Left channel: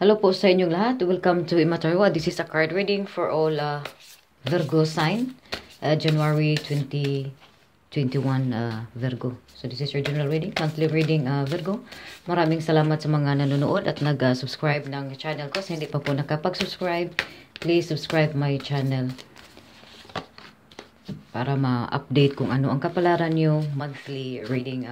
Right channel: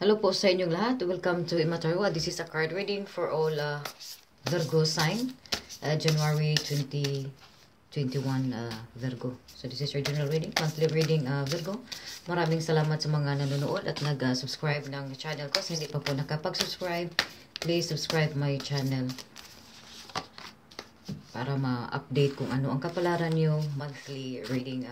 Hello po sa inyong lahat. Welcome to Imatarwa. This is a card reading for all Virgo sign, January 2021 Virgo. So this is your general reading, monthly reading Virgo. Maraming salamat sa mga nanonood at nag-subscribe ng channel ko. Sa hindi pa po nakapag-subscribe, please subscribe my channel para ma-update kung ano ang kapalaran nyo monthly reading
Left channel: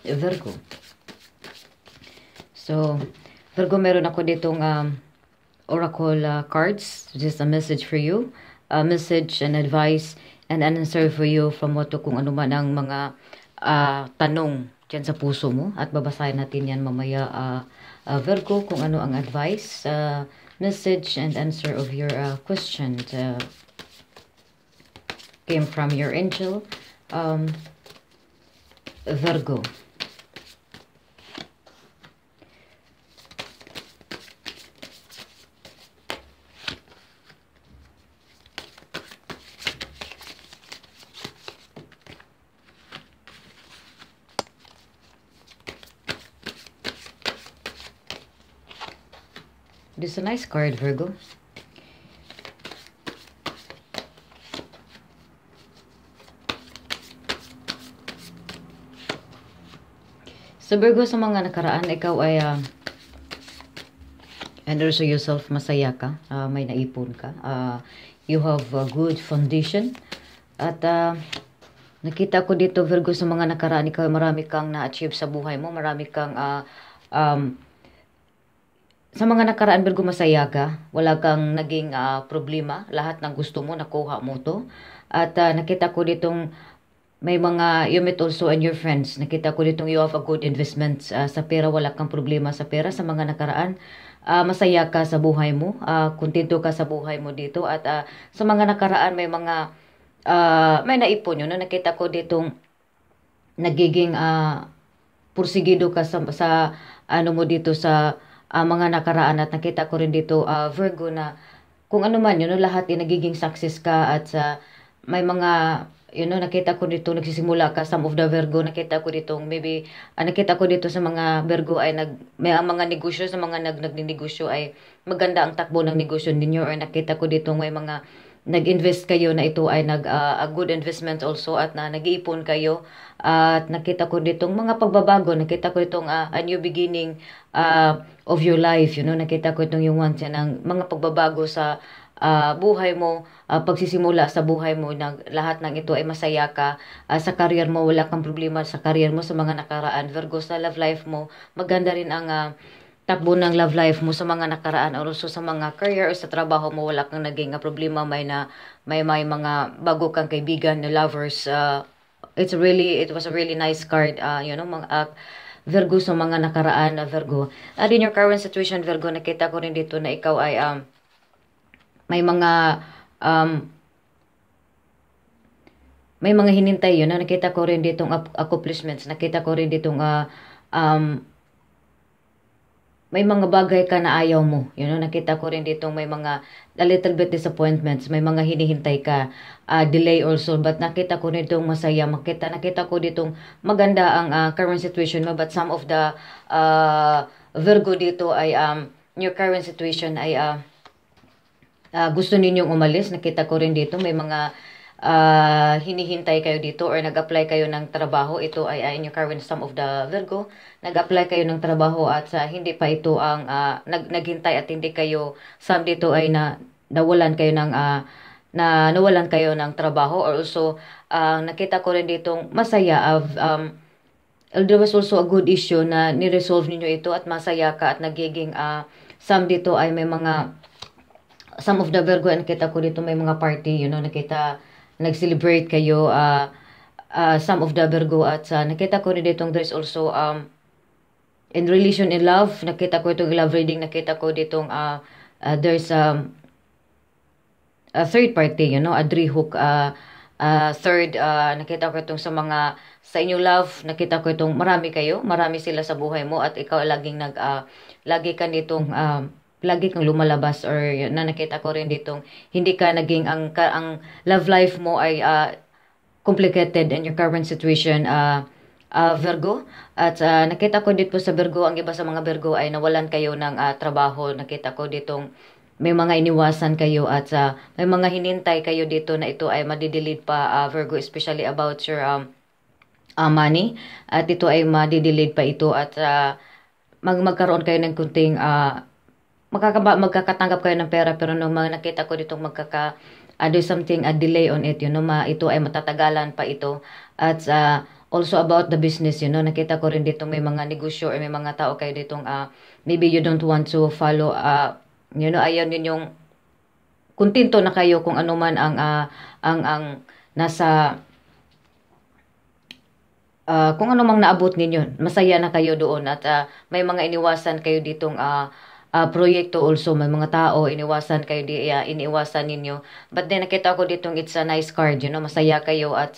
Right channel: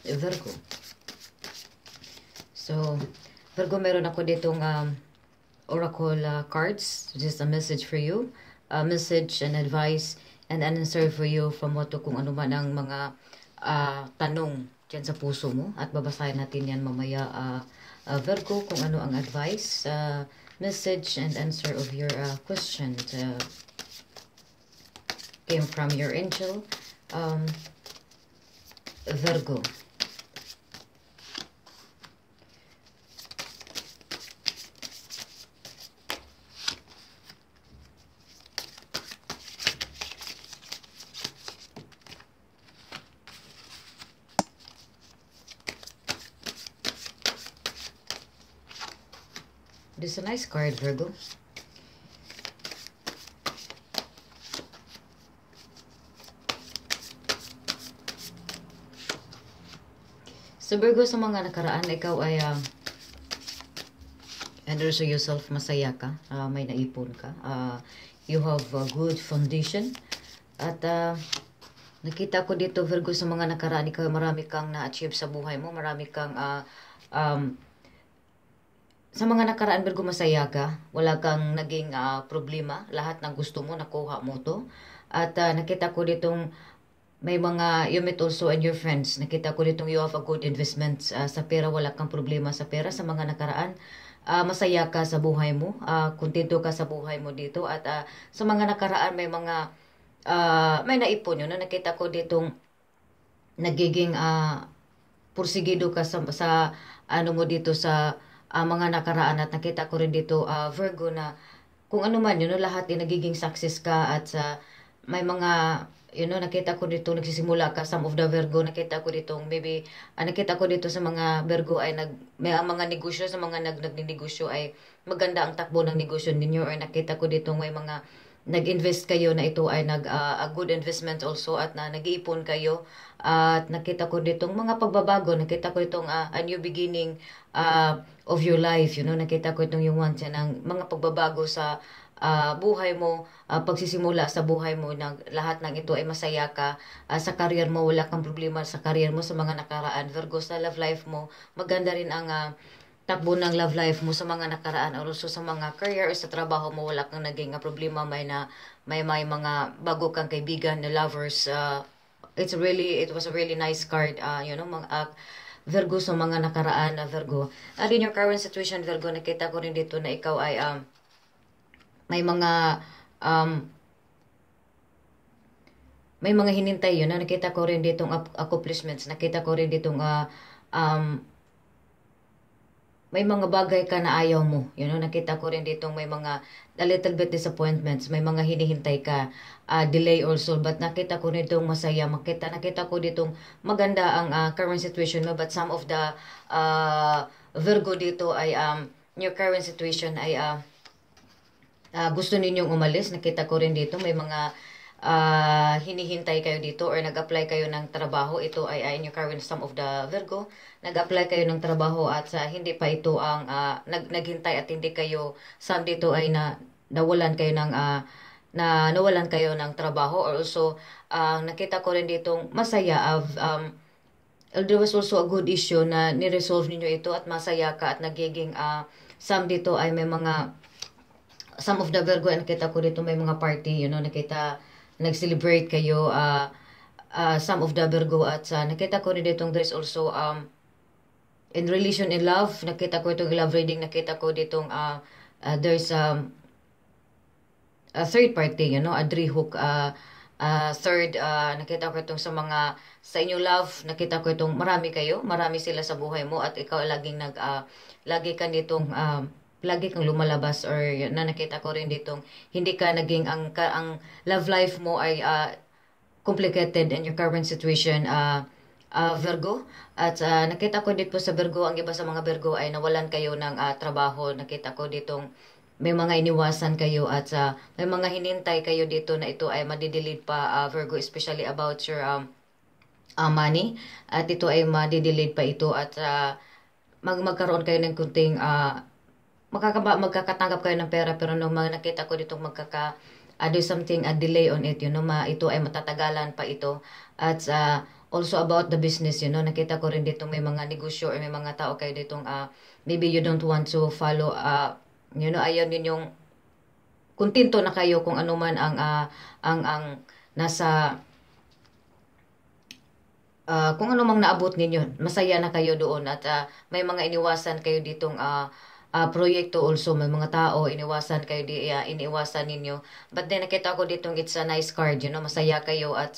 Virgo. So, Virgo, meron ako ditong oracle cards. This is a message for you. A message and advice and an answer for you from what to kung ano man ang mga tanong dyan sa puso mo. At babasahin natin yan mamaya, Virgo, kung ano ang advice, message and answer of your question came from your angel, Virgo. This is a nice card, Virgo. So, Virgo, sa mga nakaraan, ikaw ay and also yourself, masaya ka. May naipon ka. You have a good foundation. At nakita ko dito, Virgo, sa mga nakaraan, ikaw ay marami kang na-achieve sa buhay mo. Marami kang sa mga nakaraan, Virgo, masaya ka. Wala kang naging problema. Lahat ng gusto mo, nakuha mo to. At nakita ko ditong may mga, you met also and your friends. Nakita ko ditong you have a good investment sa pera. Wala kang problema sa pera. Sa mga nakaraan, masaya ka sa buhay mo. Kontento ka sa buhay mo dito. At sa mga nakaraan, may mga, may naipon yun. No? Nakita ko ditong nagiging pursigido ka sa ano mo dito sa mga nakaraan, at nakita ko rin dito, Virgo, na kung ano man yun, no, lahat nagiging success ka, at may mga, nakita ko dito, nagsisimula ka, some of the Virgo, nakita ko dito, maybe, nakita ko dito sa mga Virgo ay may mga negosyo, sa mga nagnegosyo ay maganda ang takbo ng negosyo ninyo, or nakita ko dito may mga nag-invest kayo na ito ay a good investment also, at nag-iipon kayo, at nakita ko ditong mga pagbabago, nakita ko itong a new beginning of your life, nakita ko itong yung once ng mga pagbabago sa buhay mo, pagsisimula sa buhay mo, na lahat ng ito ay masaya ka, sa career mo, wala kang problema sa career mo sa mga nakaraan, Virgo. Sa love life mo, maganda rin ang takbo ng love life mo sa mga nakaraan, or also sa mga career o sa trabaho mo, wala kang naging problema, may mga bago kang kaibigan na lovers. It was a really nice card, mga Virgo, sa mga nakaraan na Virgo. At in your current situation, Virgo, nakita ko rin dito na ikaw ay may mga hinintay yun. Nakita ko rin ditong accomplishments. Nakita ko rin ditong may mga bagay ka na ayaw mo. Nakita ko rin ditong may mga a little bit disappointments. May mga hinihintay ka. Delay also. But nakita ko rin ditong masaya. Nakita ko ditong maganda ang current situation mo. But some of the Virgo dito ay your current situation ay gusto ninyong umalis. Nakita ko rin dito may mga hinihintay kayo dito, or nag-apply kayo ng trabaho. Ito ay in your current, some of the Virgo, nag-apply kayo ng trabaho at hindi pa ito ang naghintay, at hindi kayo, some dito ay nawalan kayo ng trabaho, or also nakita ko rin dito masaya there was also a good issue na ni-resolve ninyo ito, at masaya ka, at nagiging some dito ay may mga, some of the Virgo, nakita ko dito may mga party, nakita nag-celebrate kayo, some of the Virgo, at nakita ko rin ditong there's also in relation in love, nakita ko itong love reading, nakita ko ditong there's a third party, a drihok, third, nakita ko itong sa mga, sa inyong love, nakita ko itong marami sila sa buhay mo, at ikaw lagi kang lumalabas, or nakita ko rin ditong hindi ka naging, ang love life mo ay complicated in your current situation, Virgo. At nakita ko dito sa Virgo, ang iba sa mga Virgo ay nawalan kayo ng trabaho. Nakita ko ditong may mga iniwasan kayo at may mga hinintay kayo dito na ito ay madidelete pa, Virgo, especially about your money. At ito ay madidelete pa ito at magkaroon kayo ng kunting magkakatanggap kayo ng pera, pero nung nakita ko dito do something, a delay on it, ito ay matatagalan pa ito. At also about the business, nakita ko rin dito may mga negosyo or may mga tao kayo ditong maybe you don't want to follow, ayaw ninyong kontento na kayo kung ano man ang nasa kung ano mang naabot ninyo, masaya na kayo doon at may mga iniwasan kayo ditong proyekto also, may mga tao iniwasan kayo iniwasan ninyo, but then nakita ko ditong it's a nice card, masaya kayo at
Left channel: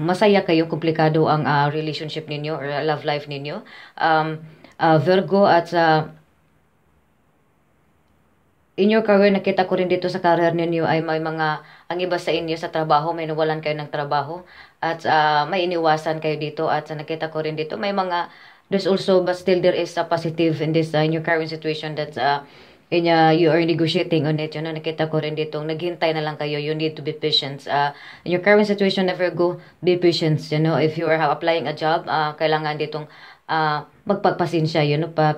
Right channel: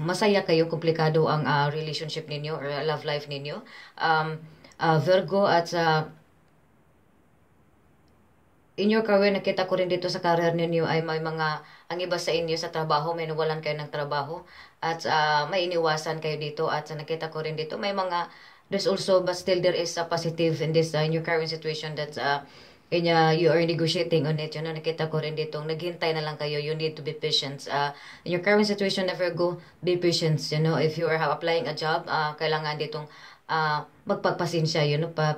masaya kayo, komplikado ang relationship ninyo or love life ninyo, Virgo. At in your career, nakita ko rin dito sa career ninyo ay may mga, ang iba sa inyo sa trabaho, may nawalan kayo ng trabaho at may iniwasan kayo dito. At nakita ko rin dito may mga, there's also, but still there is a positive in this in your current situation that you are negotiating on it. Nakita ko rin dito, naghintay na lang kayo. You need to be patient. In your current situation, never go, be patient. If you are applying a job, kailangan ditong magpagpasensya,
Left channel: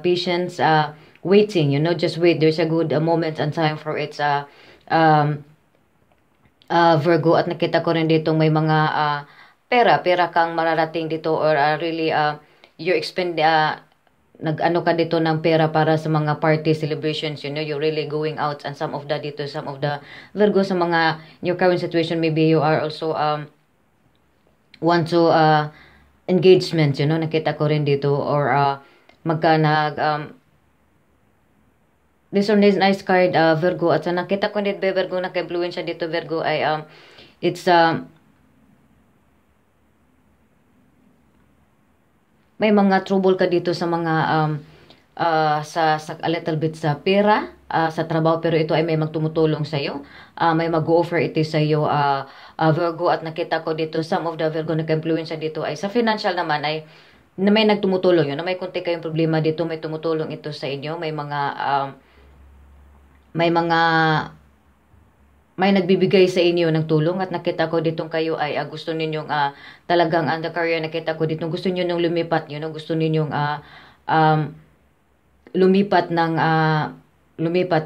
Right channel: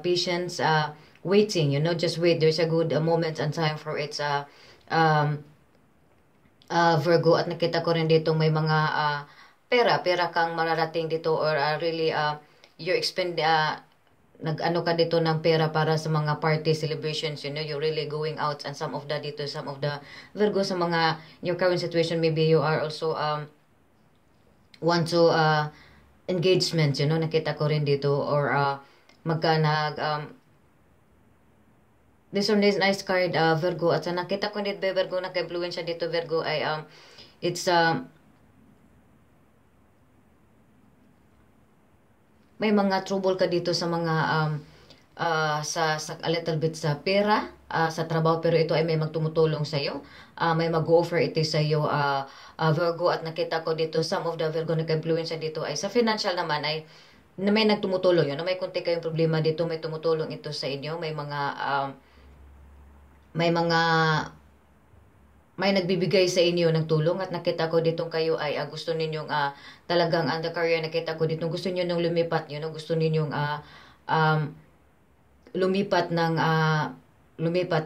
patience, waiting, just wait. There's a good moment and time for it, Virgo. At nakita ko rin dito may mga pera kang mararating dito or really you expend nag-ano ka dito ng pera para sa mga party celebrations, you're really going out, and some of the Virgo sa mga in your current situation, maybe you are also want to engagement, nakita ko rin dito, or this one is nice card, Virgo. At nakita ko dito, Virgo, naka-influence dito, Virgo, ay it's may mga trouble ka dito sa mga sa a little bit sa pera, sa trabaho, pero ito ay may magtumutulong sa iyo, may mag-offer ito sa iyo, Virgo. At nakita ko dito some of the Virgo nag-influence dito ay sa financial naman ay na may nagtumutulong, may konti kayong problema dito, may tumutulong ito sa inyo, may nagbibigay sa inyo ng tulong. At nakita ko ditong kayo ay gusto ninyong talagang the career, nakita ko ditong gusto niyo nung lumipat, gusto ninyong lumipat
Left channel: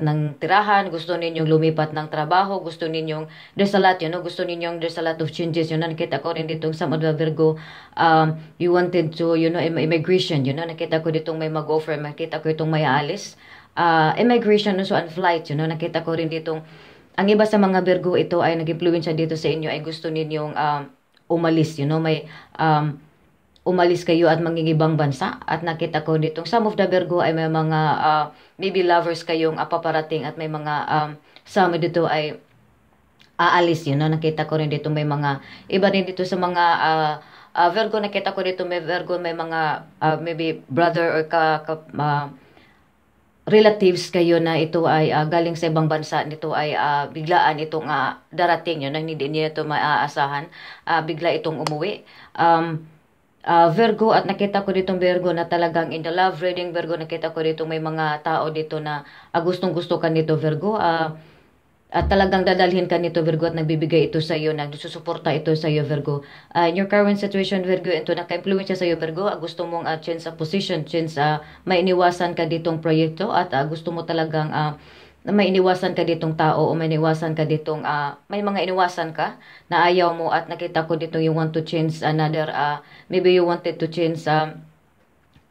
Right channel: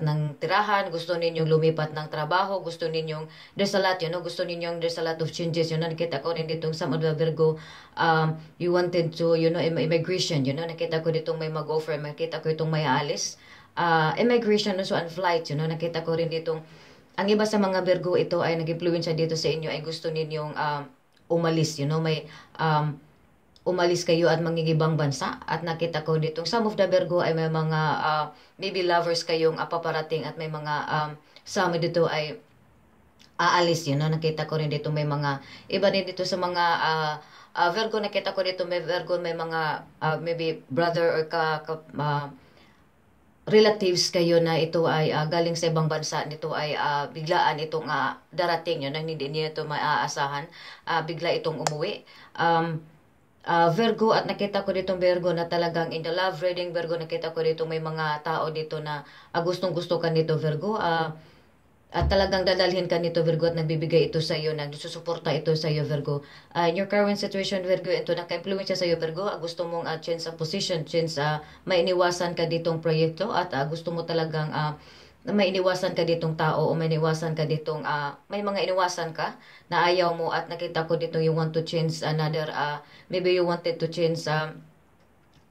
ng tirahan, gusto ninyong lumipat ng trabaho, gusto ninyong there's a lot, gusto ninyong there's a lot of changes, nakita ko rin ditong some of the Virgo, you wanted to, immigration, nakita ko ditong may mag-offer, nakita ko itong may aalis, immigration also and flight, nakita ko rin ditong ang iba sa mga Virgo, ito ay nag-influence dito sa inyo ay gusto ninyong umalis, may umalis kayo at mangingibang bansa. At nakita ko ditong some of the Virgo ay may mga maybe lovers kayong paparating, at may mga some dito ay aalis, nakita ko rin dito may mga iba din dito sa mga Virgo. Nakita ko dito may Virgo, may mga maybe brother or relatives kayo na ito ay galing sa ibang bansa, nito ay biglaan itong darating, nang hindi niyo ito maaasahan, bigla itong umuwi, Virgo. At nakita ko ditong Virgo na talagang in the love reading, Virgo, nakita ko dito may mga tao dito na gustong gusto ka nito, Virgo, at talagang dadalhin ka nito, Virgo, at nagbibigay ito sa iyo, nagsusuporta ito sa iyo, Virgo. In your current situation, Virgo, ito naka-influence sa iyo, Virgo, gusto mong change a position, change, may iniwasan ka ditong proyekto, at gusto mo talagang may iniwasan ka ditong tao, o may iniwasan ka ditong may mga iniwasan ka na ayaw mo. At nakita ko dito you want to change another, maybe you wanted to change,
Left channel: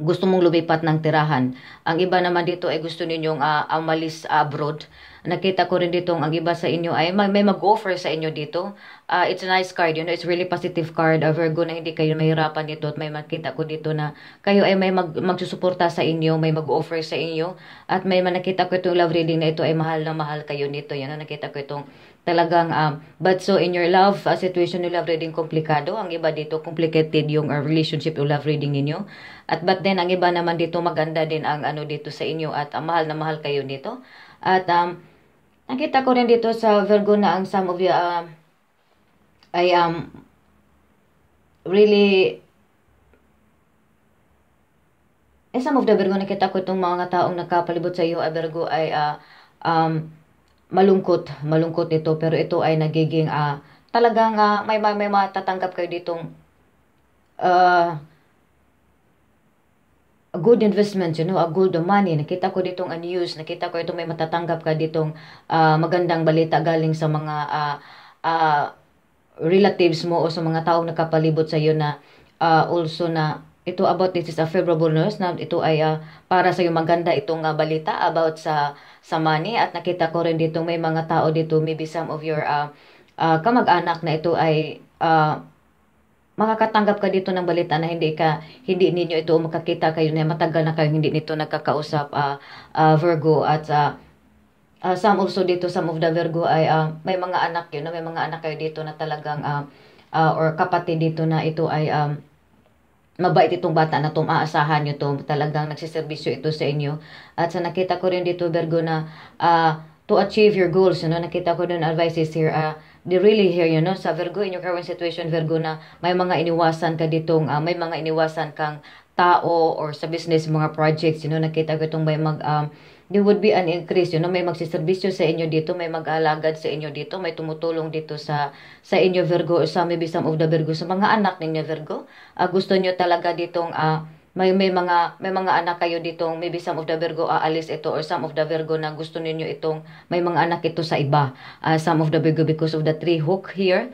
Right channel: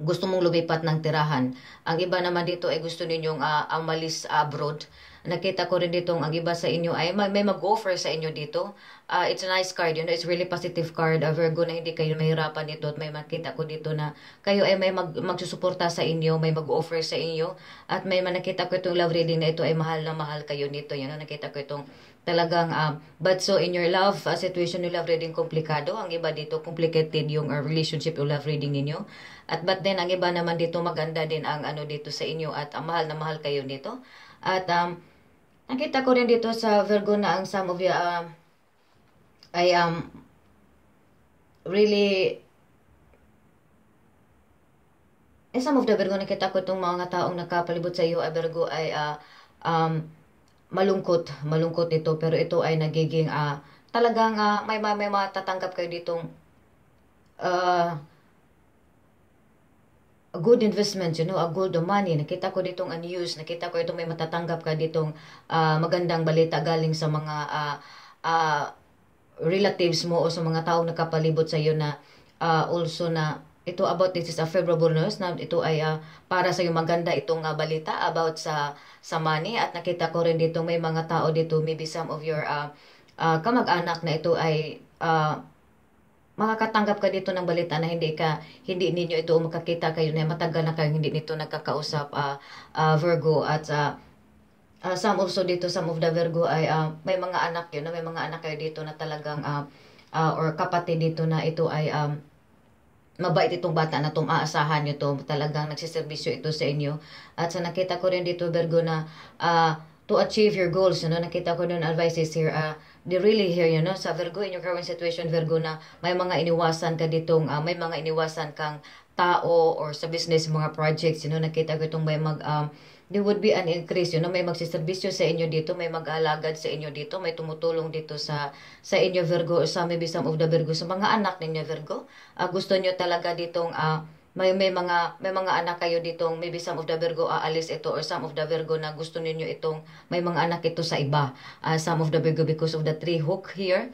gusto mong lumipat ng tirahan. Ang iba naman dito ay gusto ninyong umalis abroad. Nakita ko rin dito ang iba sa inyo ay may mag-offer sa inyo dito. It's a nice card, it's really positive card, Virgo, na hindi kayo mahirapan dito. At may makita ko dito na kayo ay may magsusuporta sa inyo, may mag-offer sa inyo. At may nakita ko itong love reading na ito ay mahal na mahal kayo nito. Nakita ko itong talagang but so in your love situation, yung love reading komplikado. Ang iba dito complicated yung relationship, yung love reading ninyo. At but then ang iba naman dito maganda din ang dito sa inyo, at mahal na mahal kayo nito. At nakita ko rin dito sa Virgo na ang some of you ay really some of the Virgo, nakita ko itong mga taong nakapalibot sa iyo, Virgo, ay um, malungkot ito, pero ito ay nagiging talagang may matatanggap kayo ditong uh, a good investment, a good money. Nakita ko ditong news, nakita ko itong may matatanggap ka ditong magandang balita galing sa mga uh, relatives mo o sa mga taong nakapalibot sa iyo na also na ito about this is a favorable news na ito ay para sa iyo maganda itong balita about sa money. At nakita ko rin dito may mga tao dito, maybe some of your kamag-anak na ito ay makakatanggap ka dito ng balita na hindi ninyo ito makakita kayo na matagal na kayo hindi nito nagkakausap, Virgo. At some also dito, some of the Virgo ay may mga anak may mga anak kayo dito na talagang or kapatid dito na ito ay mabait itong bata na aasahan nyo to, talagang nagsiservisyo ito sa inyo. At sa nakita ko rin dito, Virgo, na to achieve your goals, nakita ko dun advices here, they really here, sa Virgo, in your current situation, Virgo, na may mga iniwasan ka ditong, may mga iniwasan kang tao or sa business, mga projects, nakita ko itong may there would be an increase, may magsiservisyo sa inyo dito, may mag-alagad sa inyo dito, may tumutulong dito sa inyo, Virgo, or sa maybe some of the Virgo, sa mga anak ninyo, Virgo. Gusto nyo talaga ditong, may mga anak kayo ditong, maybe some of the Virgo aalis ito, or some of the Virgo na gusto ninyo itong, may mga anak ito sa iba. Some of the Virgo, because of the three hook here,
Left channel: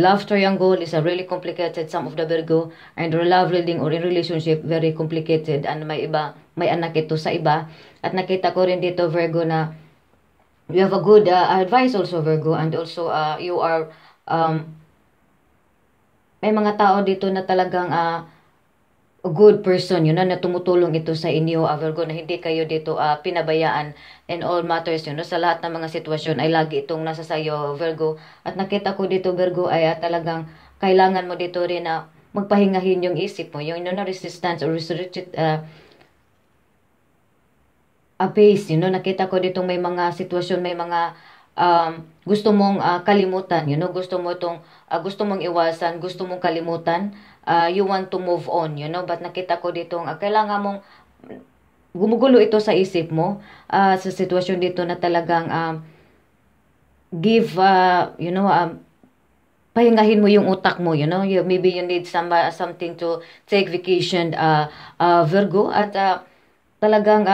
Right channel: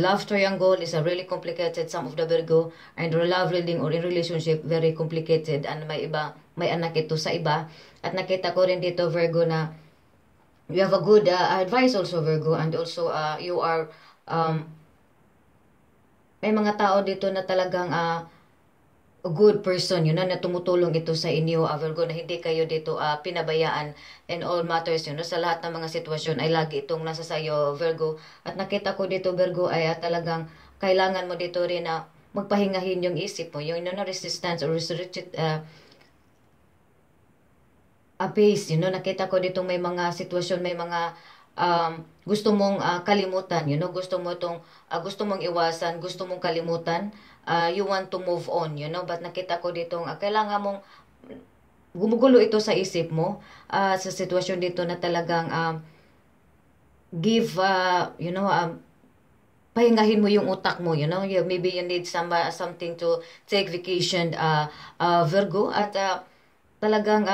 love triangle is a really complicated, some of the Virgo, and love reading or in relationship, very complicated, and may anak ito sa iba. At nakita ko rin dito, Virgo, na you have a good advice also, Virgo, and also you are, may mga tao dito na talagang a good person, na tumutulong ito sa inyo, Virgo, na hindi kayo dito pinabayaan in all matters, sa lahat ng mga sitwasyon ay lagi itong nasa sayo, Virgo. At nakita ko dito, Virgo, ay talagang kailangan mo dito rin na magpahingahin yung isip mo, yung resistance or restricted base, nakita ko dito may mga sitwasyon, may mga gusto mong kalimutan, gusto mong iwasan, gusto mong kalimutan, you want to move on, but nakita ko dito kailangan mong gumugulo ito sa isip mo, sa sitwasyon dito na talagang give, pahingahin mo yung utak mo, maybe you need something to take vacation, Virgo. At talagang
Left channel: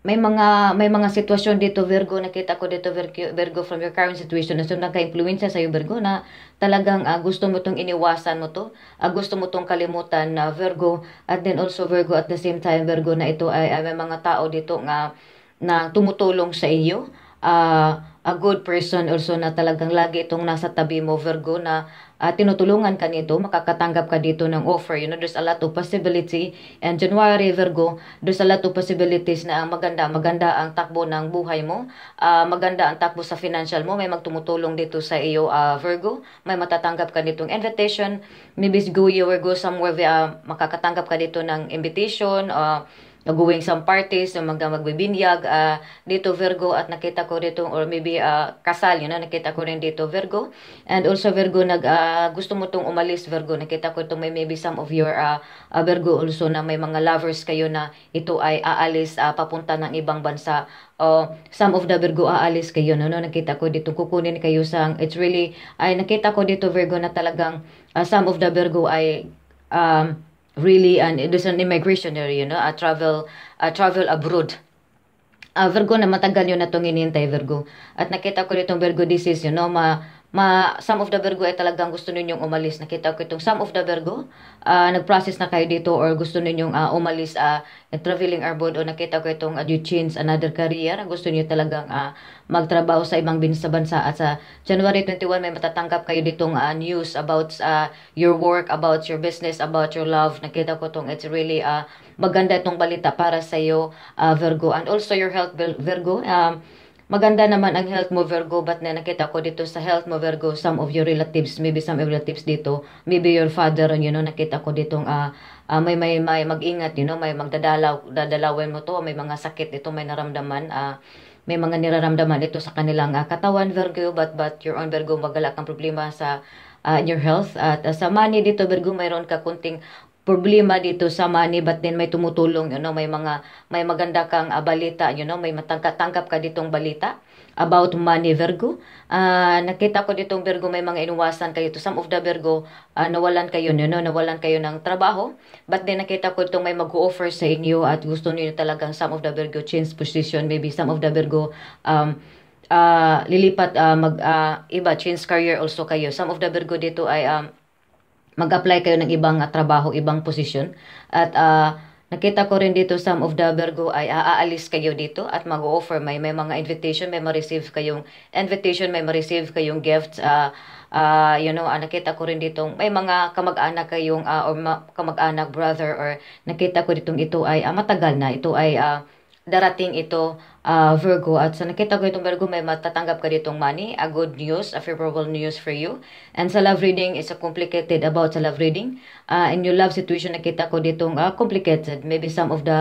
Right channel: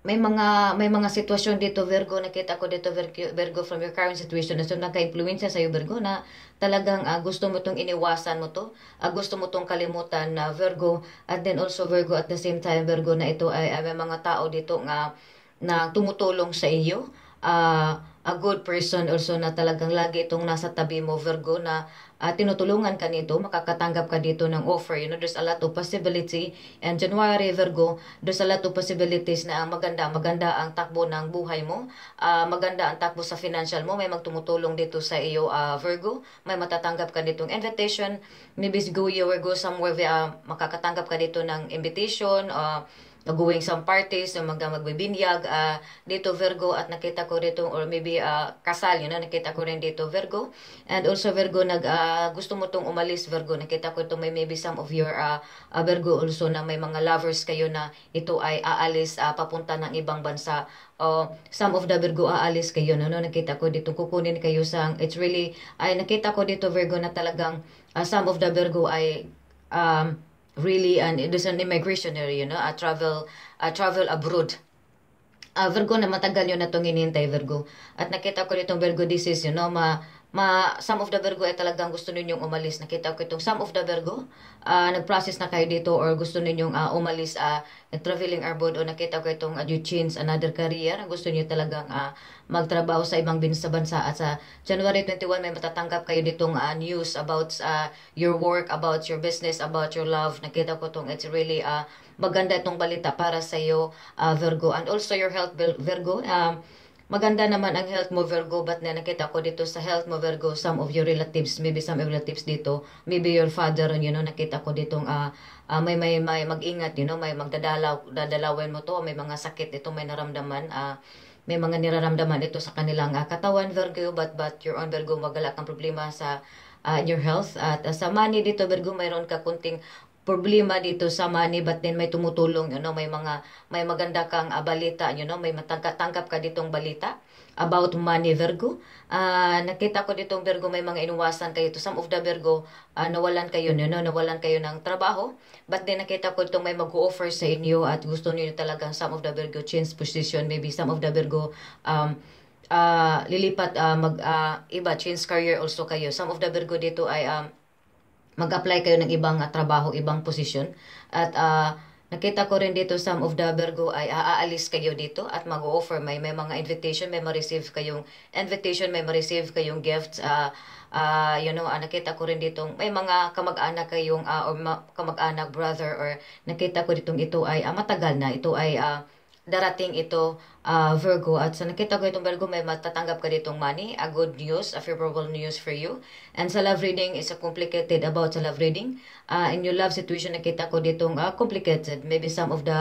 may mga sitwasyon dito, Virgo, nakita ko dito, Virgo, from your current situation na naka-influensya sa iyo, Virgo, na talagang gusto mo tong iniwasan mo to, gusto mo tong kalimutan, na Virgo. At then also, Virgo, at the same time, Virgo, na ito ay may mga tao dito na tumutulong sa iyo, a good person also na talagang lagi itong nasa tabi mo, Virgo, na tinutulungan ka nito, makakatanggap ka dito ng offer. There's a lot of possibility. And January, Virgo, there's a lot of possibilities na maganda ang takbo ng buhay mo. Maganda ang takbo sa financial mo. May magtumutulong dito sa iyo, Virgo. May matatanggap ka ditong invitation. Maybe you will go somewhere, makakatanggap ka dito ng invitation, going some parties, magbibinyag dito, Virgo. At nakita ko dito, or maybe kasal, nakita ko rin dito, Virgo. And also, Virgo, gusto mo tong umalis, Virgo. Nakita ko itong maybe some of your Virgo also na may mga lovers kayo na ito ay aalis papunta ng ibang bansa. Some of the Virgo aalis kayo, nakita ko dito, kukunin kayo it's really, nakita ko dito, Virgo, na talagang some of the Virgo ay really, and it is an immigration travel abroad. Virgo, na matagal yun na itong hinihintay, Virgo. At nakita ko itong Virgo, this is, some of the Virgo ay talagang gusto ninyong umalis. Nakita ko itong some of the Virgo, nag-process na kayo dito, or gusto ninyong umalis, traveling abroad, o nakita ko itong you change another career. Gusto niyo talagang magtrabaho sa ibang bansa. At sa January 21, may matatanggap kayo ditong news about your work, about your business, about your love. Nakita ko itong it's really maganda itong balita para sa iyo, Virgo. And also your health, Virgo. Maganda naman ang health mo, Virgo, but nakita ko dito sa health mo, Virgo, some of your relatives, maybe some relatives dito, maybe your father, nakita ko ditong may mag-ingat, may dadalawin mo to, may mga sakit ito, may naramdaman, may mga niraramdaman ito sa kanilang katawan, Virgo, but your own, Virgo, magala kang problema sa in your health. At sa money dito, Virgo, mayroon ka kunting problema dito sa money, but then may tumutulong, may maganda kang balita, may matangkap ka ditong balita about money, Virgo. Nakita ko ditong Virgo, may mga inuwasan kayo. To some of the Virgo, nawalan kayo, nawalan kayo ng trabaho. But then nakita ko itong may mag-offer sa inyo at gusto niyo talagang some of the Virgo change position. Maybe some of the Virgo lilipat, iba, change career also kayo. Some of the Virgo dito ay mag-apply kayo ng ibang trabaho, ibang position. At nakita ko rin dito, some of the Virgo ay aalis kayo dito at mag-offer. May mga invitation, may ma-receive kayong invitation, may ma-receive kayong gifts. Nakita ko rin dito, may mga kamag-anak kayong, or kamag-anak, brother, or nakita ko ditong ito ay matagal na. Ito ay darating ito, Virgo. At sa nakita ko itong Virgo, may matatanggap ka ditong money, a good news, a favorable news for you. And sa love reading, is complicated about sa love reading. In your love situation, nakita ko ditong complicated. Maybe some of the,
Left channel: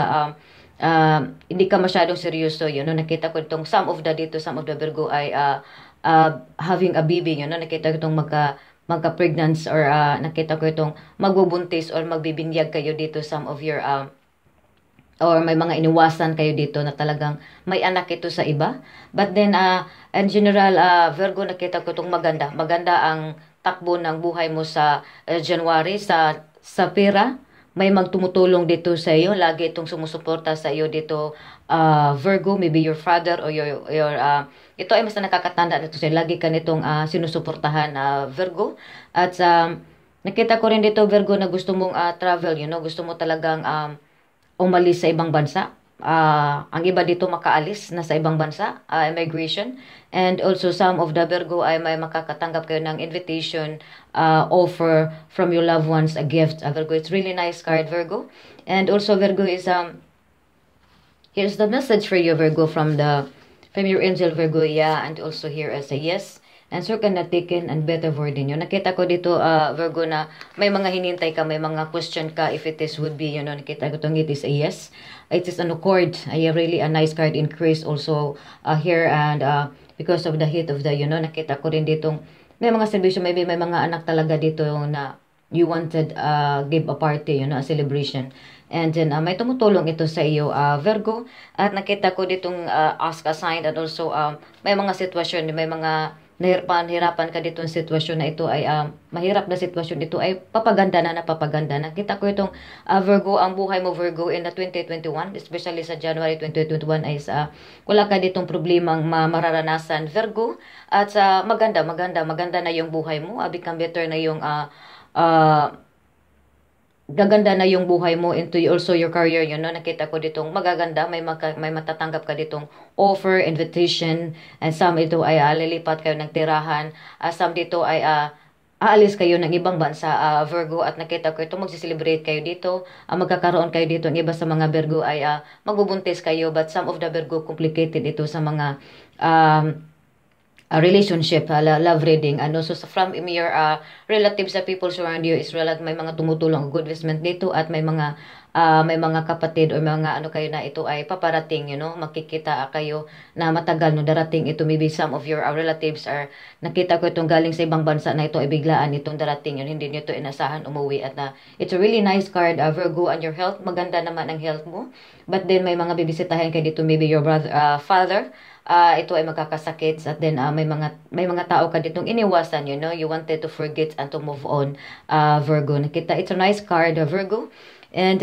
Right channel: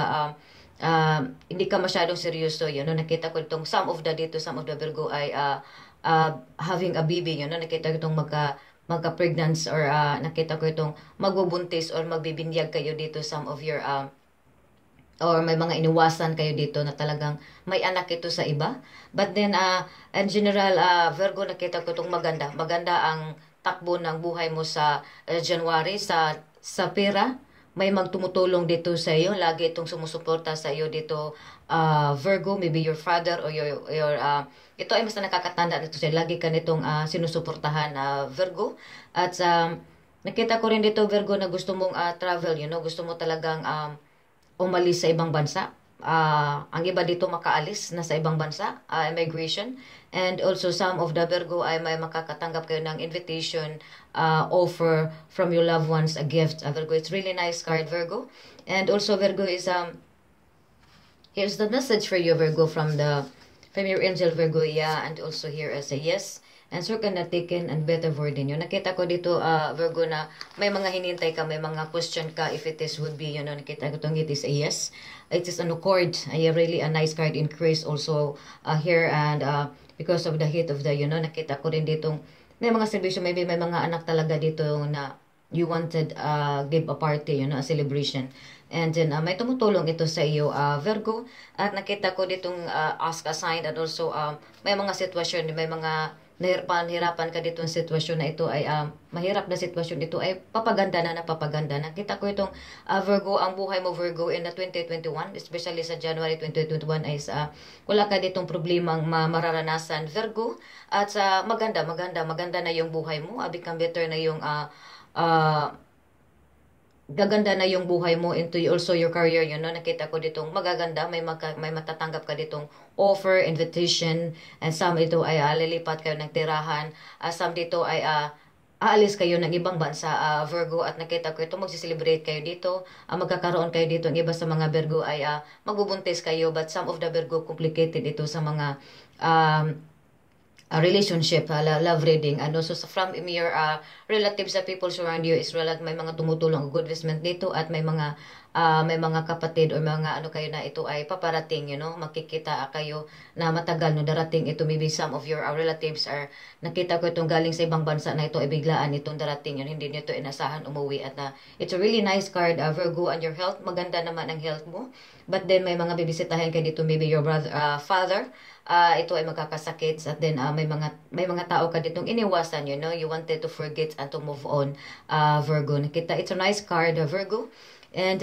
hindi ka masyadong seryoso, nakita ko itong some of the Virgo ay having a baby, nakita ko itong magka-pregnant, or nakita ko itong magbubuntis or magbibinyag kayo dito, some of your, or may mga iniwasan kayo dito na talagang may anak ito sa iba. But then, in general, Virgo, nakita ko itong maganda. Maganda ang takbo ng buhay mo sa January, sa pera. May magtumutulong dito sa iyo. Lagi itong sumusuporta sa iyo dito, Virgo. Maybe your father or your ito ay mas nakakatanda na ito siya. Lagi ka nitong sinusuportahan, Virgo. At nakita ko rin dito, Virgo, na gusto mong travel, gusto mo talagang umalis sa ibang bansa. Ang iba dito makaalis na sa ibang bansa, immigration. And also some of the Virgo ay may makakatanggap kayo ng invitation, offer from your loved ones, a gift. Virgo, it's really nice card, Virgo. And also Virgo is, here's the message for you, Virgo, from your angel, Virgo. Yeah, and also here as a yes. Answer ka na taken and better word din yun. Nakita ko dito, Virgo, na may mga hinintay ka, may mga question ka if it is would be, nakita ko itong it is a yes. It is an accord, really a nice card, increase also here, and because of the heat of the, nakita ko rin dito, may mga celebration, maybe may mga anak talaga dito na you wanted give a party, a celebration. And then may tumutulong ito sa iyo, Virgo. At nakita ko ditong ask a sign, and also may mga sitwasyon, may mga hirapan ka dito ng sitwasyon na ito ay mahirap na sitwasyon, ito ay papaganda na napapaganda. Nakita ko itong Virgo, ang buhay mo, Virgo, in 2021, especially sa January 2021 ay wala ka ditong problemang mararanasan, Virgo. At maganda na yung buhay mo, become better na yung gaganda na yung buhay mo, into also your career, nakita ko ditong magaganda, may matatanggap ka ditong offer, invitation, and some ito ay lilipat kayo ng tirahan, some dito ay aalis kayo ng ibang bansa, Virgo. At nakita ko ito, magsiselebrate kayo dito, magkakaroon kayo dito, ang iba sa mga Virgo ay magbubuntis kayo, but some of the Virgo complicated ito sa mga a relationship, love reading, and also from your relatives, sa people surround you, is may mga tumutulong, good investment dito, at may mga kapatid o mga kayo na ito ay paparating, makikita kayo na matagal no darating ito. Maybe some of your relatives are, nakita ko itong galing sa ibang bansa na ito ay biglaan itong darating, hindi nito inasahan umuwi. At it's a really nice card, Virgo. And your health, maganda naman ang health mo, but then may mga bibisitahin kayo dito, maybe your brother, father, ito ay magkakasakit. At then may mga tao ka ditong iniwasan, you wanted to forget and to move on, Virgo. Nakita, it's a nice card, Virgo. And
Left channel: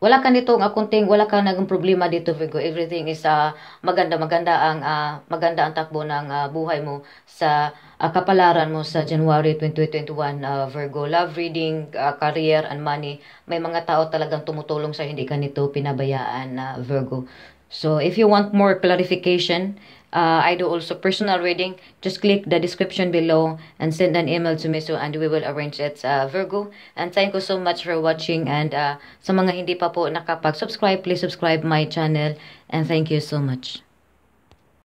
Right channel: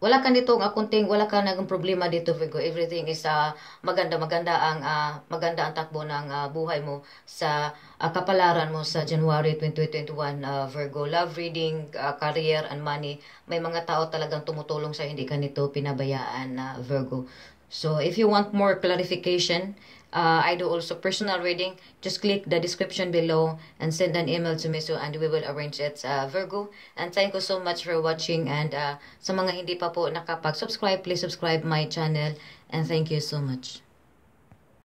wala ka nitong wala ka naging problema dito, Virgo. Everything is maganda ang takbo ng buhay mo sa kapalaran mo sa January 2021, Virgo. Love reading, career, and money. May mga tao talagang tumutulong sa hindi ka nito pinabayaan, Virgo. So if you want more clarification, I do also personal reading. Just click the description below and send an email to me, and we will arrange it, Virgo. And thank you so much for watching. And sa mga hindi pa po nakapag-subscribe, please subscribe my channel. And thank you so much.